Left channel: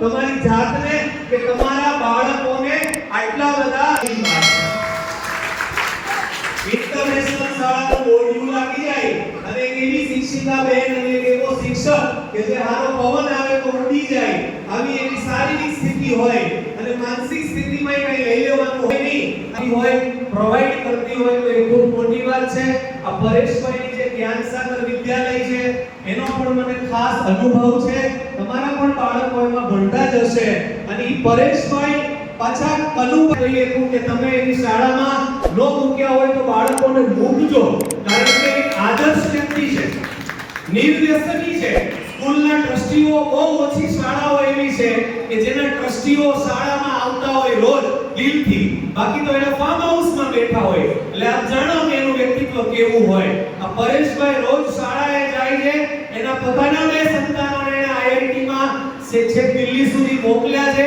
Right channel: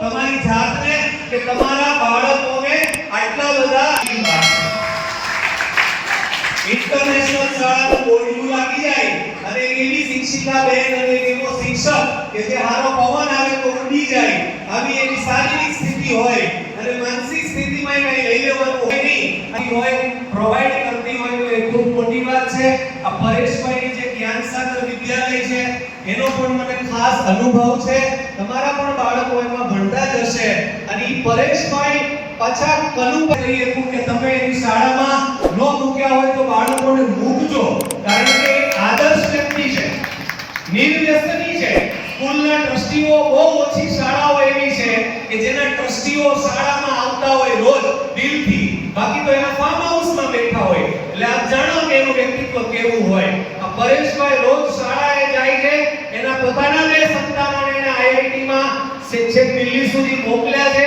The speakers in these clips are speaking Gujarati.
તમારી જાતને કે તમારા બાળકોને આટલા બધા ઇન્ટરનેશનલ શાળાનું બોર્ડ લાગી જાય અને એવી શિક્ષિકા બેન અને એવો શિક્ષક કે જે હારો પવન આવે તો ઉડી જાય, આવી એવી શારીરિક સ્થિતિ હોય અને માનસિક સ્થિતિમાં કઈ લઈ લેવાનું હોય નહીં હોય પ્રોવાઈડ કરતી હોય તો એ ખૂબ મોટી વાત છે. આ પરેશભાઈની જે જ્ઞાન સાગર વિદ્યાલય છે એનો પણ મને ખાસ અનુભવ છે. તમારા પણ બાળકો એમાં ભણતા જ હશે અને ઈ પરેશભાઈ પાછા કલુભાઈ એવું કે તમે એની શાળામાં નો મૂક્યા હોય તો બાળકોને મૂકજો, કારણ કે આદર્શ વ્યક્તિ છે, નિર્વ્યસની છે. સ્કૂલના ટ્રસ્ટીઓ બહુ ઓછી શાળાઓ એવી છે કે જેના ટ્રસ્ટીઓ શાળામાં આવતા હોય રોજ દિલથી, બાકી તો એના ફાર્મ હાઉસમાં બેઠા હોય. એટલે આપ જાણો કે એનું વ્યક્તિત્વ કેવું હોય. આ પરેશભાઈ રોજ શાળાએ જાય છે, એના પોતાના બે સંતાનોને એને આઈઆઈટીમાં છે દિલ્હી સુધી મોકલ્યા છે.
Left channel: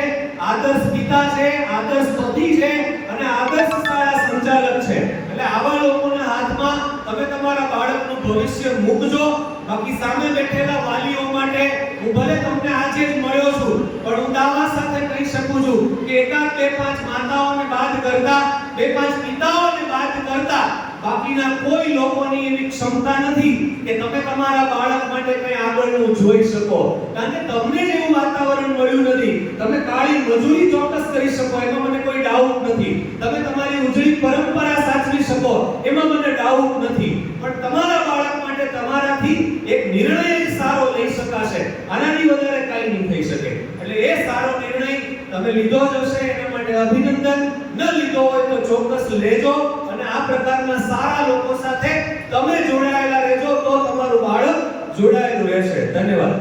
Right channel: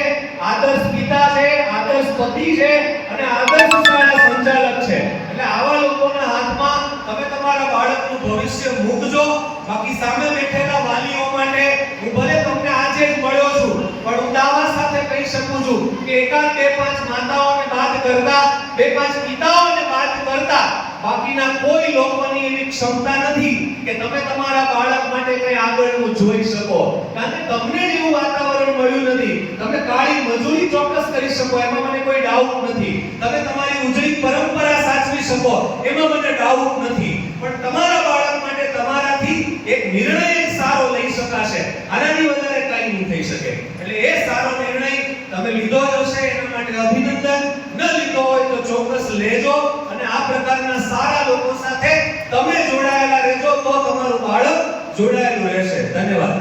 આદર્શ પિતા છે, આદર્શ પતિ છે અને આદર્શ શાળા સંચાલક છે. એટલે આવા લોકોના હાથમાં તમે તમારા બાળકનું ભવિષ્ય મૂકજો. બાકી સામે બેઠેલા વાલીઓ માટે હું ભલે તમને આજે જ મળ્યો છું પણ હું દાવા સાથે કહી શકું છું કે એકાદ બે પાંચ માતાઓને બાદ કરતા, બે પાંચ પિતાઓને બાદ કરતા બાકીના કોઈ લોકોની એવી ક્ષમતા નથી કે તમે તમારા બાળક માટે કંઈ આગળનું જોઈ શકો. કારણ કે તમને જેવું વાતાવરણ મળ્યું નથી. તમે કાળી મજૂરી ચોક્કસ કરી શકો, એમાં મને કોઈ ડાઉટ નથી. તમે તમારી ઉજળી પરંપરા સાચવી શકો, એમાં મને ડાઉટ નથી. પણ તમારા બાળક માટે તમારાથી એક નિર્ણય સારો લઈ શકાશે, આનાથી વધારે કંઈ નહીં થઈ શકે. એટલે એ સારો નિર્ણય તમે લીધો હશે એના માટે અભિનંદન. ન લીધો હોય તો ચોક્કસ લેજો અને આ પ્રકારના સારા લોકો સાથે તમે જોડાયેલા રહેજો તો તમારું બાળક જોડાયેલું રહેશે. ધન્યવાદ.